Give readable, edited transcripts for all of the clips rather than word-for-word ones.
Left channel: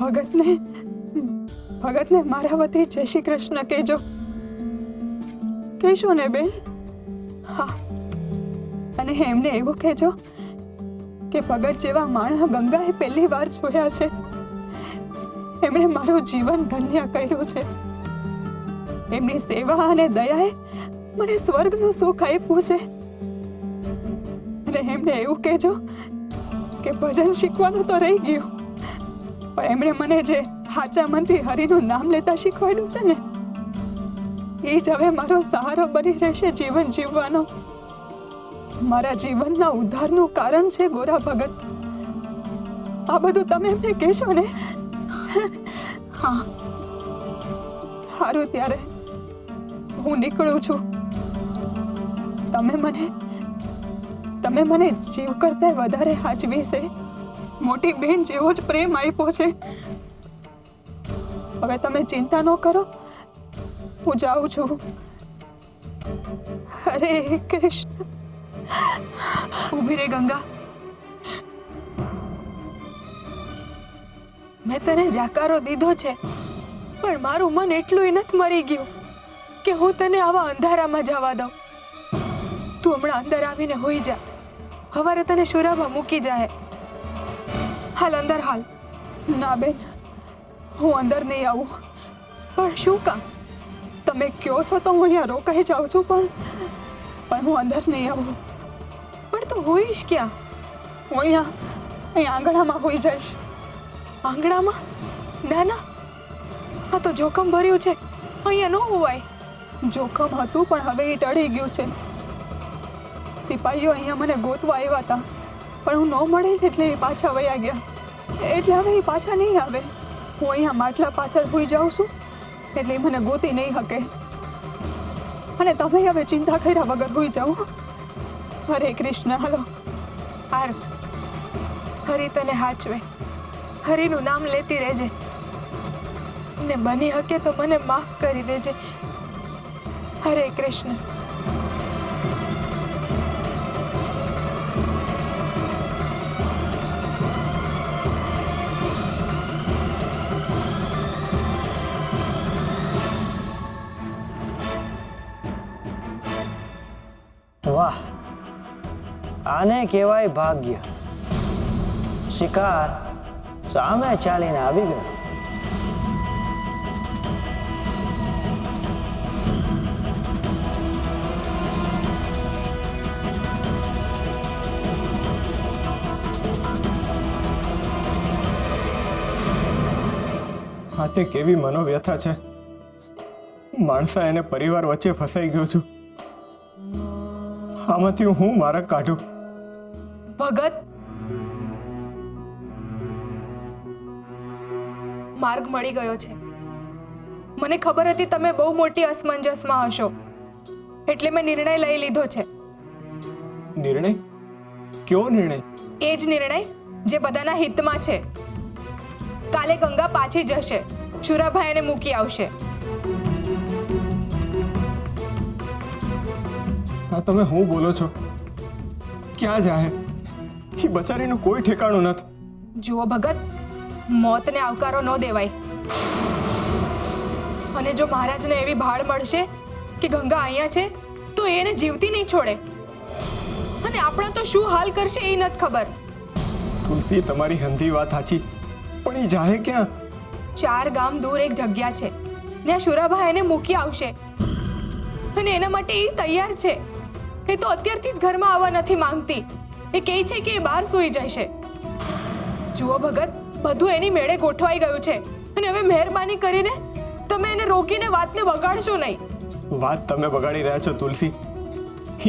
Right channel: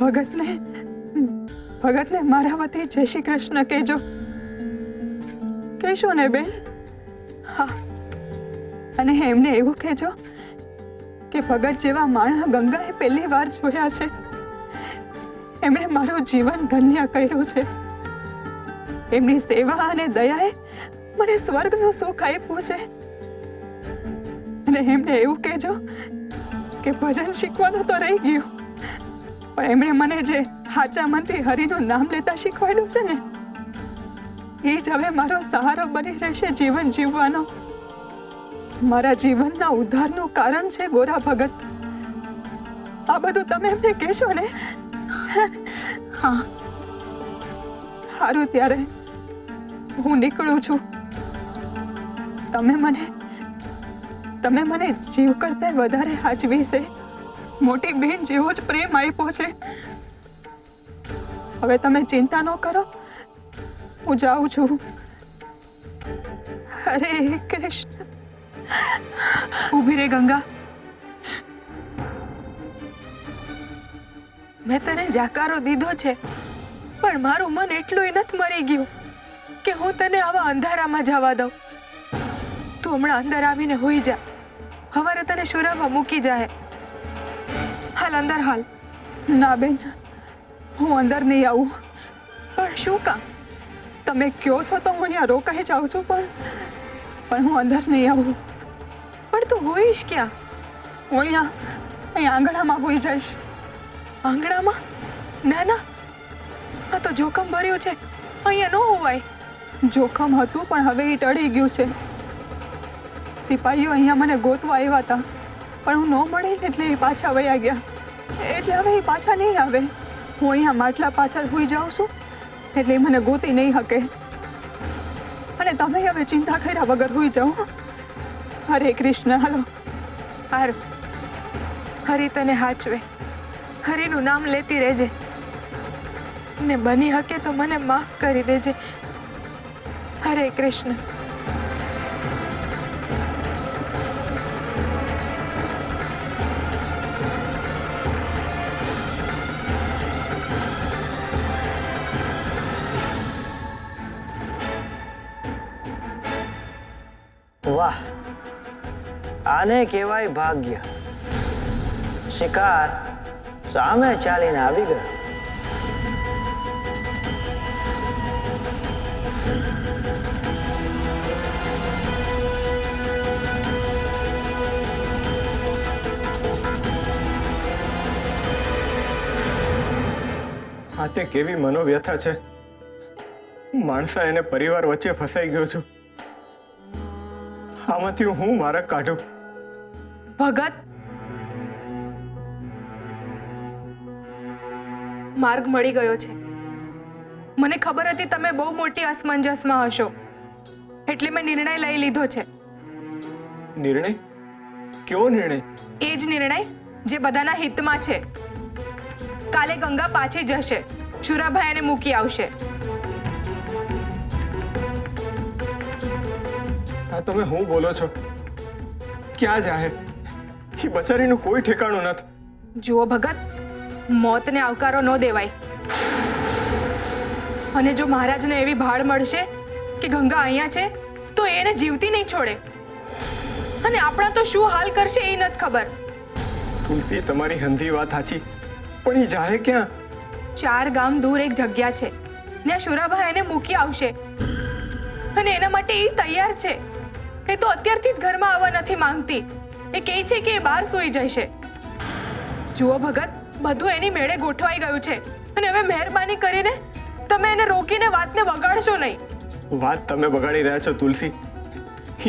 ભગતને મારા વતી જય શ્રી કૃષ્ણ કહેજો. કહેશો ને બેન? હા. અને એમને એવું કહેજો કે ભગત જેવા માણસ ગંગાએ પહેલી વાર જોયા છે. એમણે મારું જીવન ધન્ય કર્યું છે. એમની સેવા અને દયાએ મને સ્વર્ગનું સુખ આપ્યું છે. અને એમને એવું કહેજો કે ભજન શીખવાનું તો રહી ગયું, પણ એમણે મને જે હાચા મનથી હરિનું નામ લેતા શીખવાડ્યું છે ને, એ જ હવે મારો સહારો બની રહેશે જીવન જીવવાનો. મારા જીવનના ઉદ્ધારનું કારણ છે ગોરા ભગત. આ બધું તમે એમને કહેશો ને? હા. સારું, ત્યારે હું નીકળું છું. તમે મને જીવ કરતા વધારે હાચવી છે. મોટી બહેન જેવો જ પ્રેમ આપ્યો છે. હવે તમે ચિંતા ન કરો, હું જાઉં છું. હરે કૃષ્ણ. ઊભી રે ગંગા. મેં તને જાકારો દીધો છે, પણ મારું મન એટલું નથી મરી ગયું કે હું તને આવા અંધારામાં જવા દઉં. તું હમણાં અંદર આવીને હોઈ જા. હવારે તને શુરાભા મૂકી જાય. હાલ અંદર હાલ. ના બેન, હું અંદર નહીં આવું. પણ શું કામ? તમે કહો છો તો હું અહીંયા રોકાઈ જાઉં છું, પણ હું અંદર નહીં આવું. પણ તું હોઈશ ક્યાં? હું અહીંયા આંગણામાં હોઈ જઈશ. આંગણામાં? ના ના, આ તો જોખમ ભર્યું છે. અહીંયા ન હોવાય. જોખમ હતું, પણ હવે એ ટળી ગયું છે. સિપાહીઓ અહીંયા મને ગોતવા આવ્યા હતા, પણ હું ન મળી એટલે એ પાછા વયા ગયા. એટલે હવે એ પાછા નહીં આવે. હું અહીંયા માટલા પાછળ હોઈ જાઉં છું, એટલે એ મને ગોતી નહીં શકે. અને તમે હવે ચિંતા કર્યા વગર હોઈ જાઓ. હરે કૃષ્ણ. હાલો. હારું. હરિ તને હાચવે. હરિનું નામ લેતી રહેજે. ને બની શકે તો મને માફ કરી દેજે. હરે કૃષ્ણ. વાહ, આને કહેવાય ભાગ્ય. શિકાર સામે ચાલીને આવી ગયો. આ તે કેવી મનોવ્યથા છે. માણસા એને પરિવાર વચ્ચે ફસાઈ ગયો છું. આમાંથી હું માર્ગ કાઢું? ભગત, માર્ગ મળી ગયો છે. મને ખબર હતી તમે બહુ મોટી અસમંજસમાં હશો, એટલે મેં નિર્ણય લઈ લીધો છે. નિર્ણય? કેવો નિર્ણય? એ જ નિર્ણય જે બધાના હિતમાં છે. કાલે ગંગા પાછી જશે, શુરાભાઈ એને મૂકી આવશે. આ તમે હું બોલો છો? ક્યાં જાય? એ બચારીનું કોઈ ઠેકાણું નથી. જુઓ ભગત, મોતને આવકારો ન દેવાય. અને જો મહારાજને એવી ભાળ મળશે કે ગંગા અહીંયા છે, તો એને જીવતી નહીં છોડે. અને આપણા તો શું હાલ કરશે એ નથી ખબર. તુલસી, તમારી હંધી વાત સાચી, પણ એ જાહે ક્યાં? 4 ગામ દૂર એક જગ્યા છે, ત્યાં શુરાભા એને મૂકી આવશે. અને એના માટે એ તૈયાર છે. એ તો અત્યારથી જ ઘરમાં આવવા નથી માંગતી. એ કહે છે કે એ બહાર સૂઈ જશે. જુઓ ભગત, બધું એની મેળે ગોઠવાઈ ગયું છે, અને હવે મહેરબાની કરીને તમે એને રોકીને વાતને બગાડશો નહીં. વાત તમે બગાડી રહ્યા છો તુલસી.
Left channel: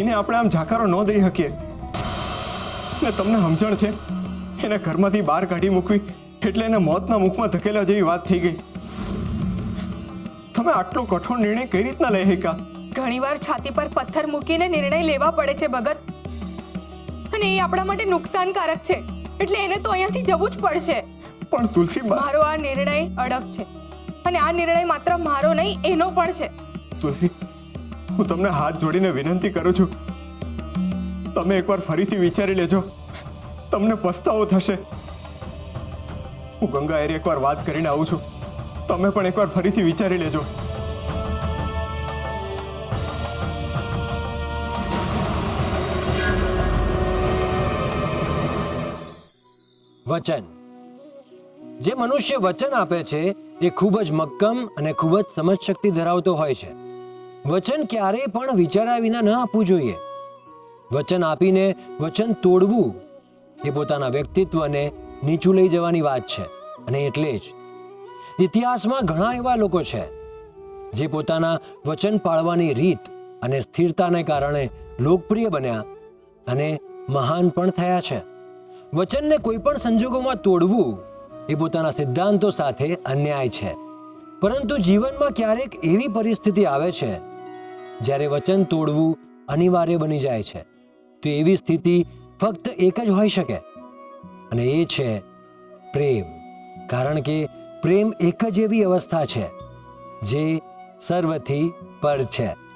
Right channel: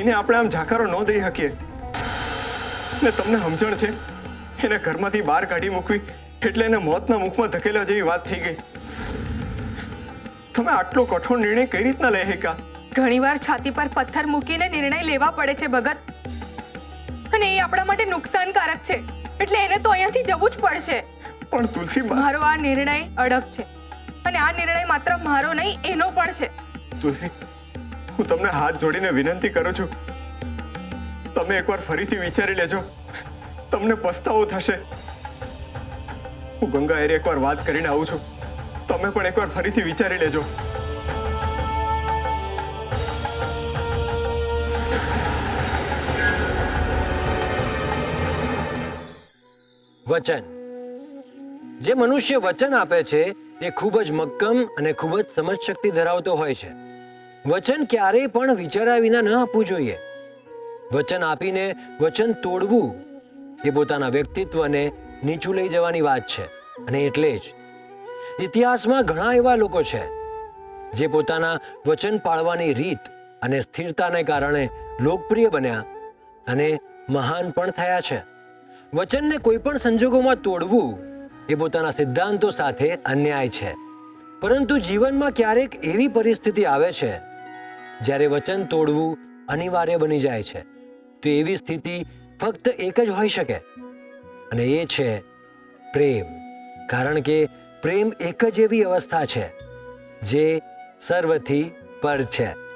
એને આપણે આમ જાકારો ન દઈ શકીએ. ને તમને સમજણ છે, એને ઘરમાંથી બહાર કાઢી મૂકવી એટલે એને મોતના મુખમાં ધકેલા જેવી વાત થઈ ગઈ. તમે આટલો કઠોર નિર્ણય કઈ રીતના લઈ શક્યા? ઘણીવાર છાતી પર પથ્થર મૂકીને નિર્ણય લેવા પડે છે ભગત, અને એ આપણા માટે નુકસાનકારક છે. એટલે એને તો અહીંયાથી જવું જ પડશે. પણ તુલસી, મારો આ નિર્ણય અડગ છે, અને આ નિર્ણય માત્ર મારો નહીં, એનો પણ છે. તુલસી, હું તમને હાથ જોડીને વિનંતી કરું છું, તમે એકવાર ફરીથી વિચારી લેજો. તમને પસ્તાવો થશે. હું ગંગા એરે એકવાર વાત કરીને આવું છું. તમે પણ એકવાર ફરીથી વિચારી લેજો. વચન. જે મનુષ્ય વચન આપે છે એ ખૂબ જ મક્કમ અને ખૂબ જ સમજશક્તિ ધરાવતો હોય છે. વચન ક્યારેય પણ વિચાર્યા વિના ન આપવું જોઈએ. વચન આપીને વચન તોડવું એ પોતાના વ્યક્તિત્વને નીચું લઈ જવાની વાત છે. અને એટલે જ ઇતિહાસમાં ઘણા એવા લોકો છે જે પોતાના વચન પાળવાની રીત અને સ્થિરતાને કારણે લોકપ્રિય બન્યા અને મહાન પણ થયા છે. વચનને કોઈ પણ સંજોગોમાં તોડવું એ પોતાના સિદ્ધાંતો સાથે અન્યાય છે. પરંતુ જીવનમાં ક્યારેક એવી પરિસ્થિતિ આવે છે જ્યારે વચન તોડવું અનિવાર્ય બની જાય છે. તો એવી સ્થિતિ ફક્ત એક જ હોઈ શકે અને એ છે પ્રેમ. કારણ કે પ્રેમ એક જ એવી અવસ્થા છે જે સર્વથી પર છે.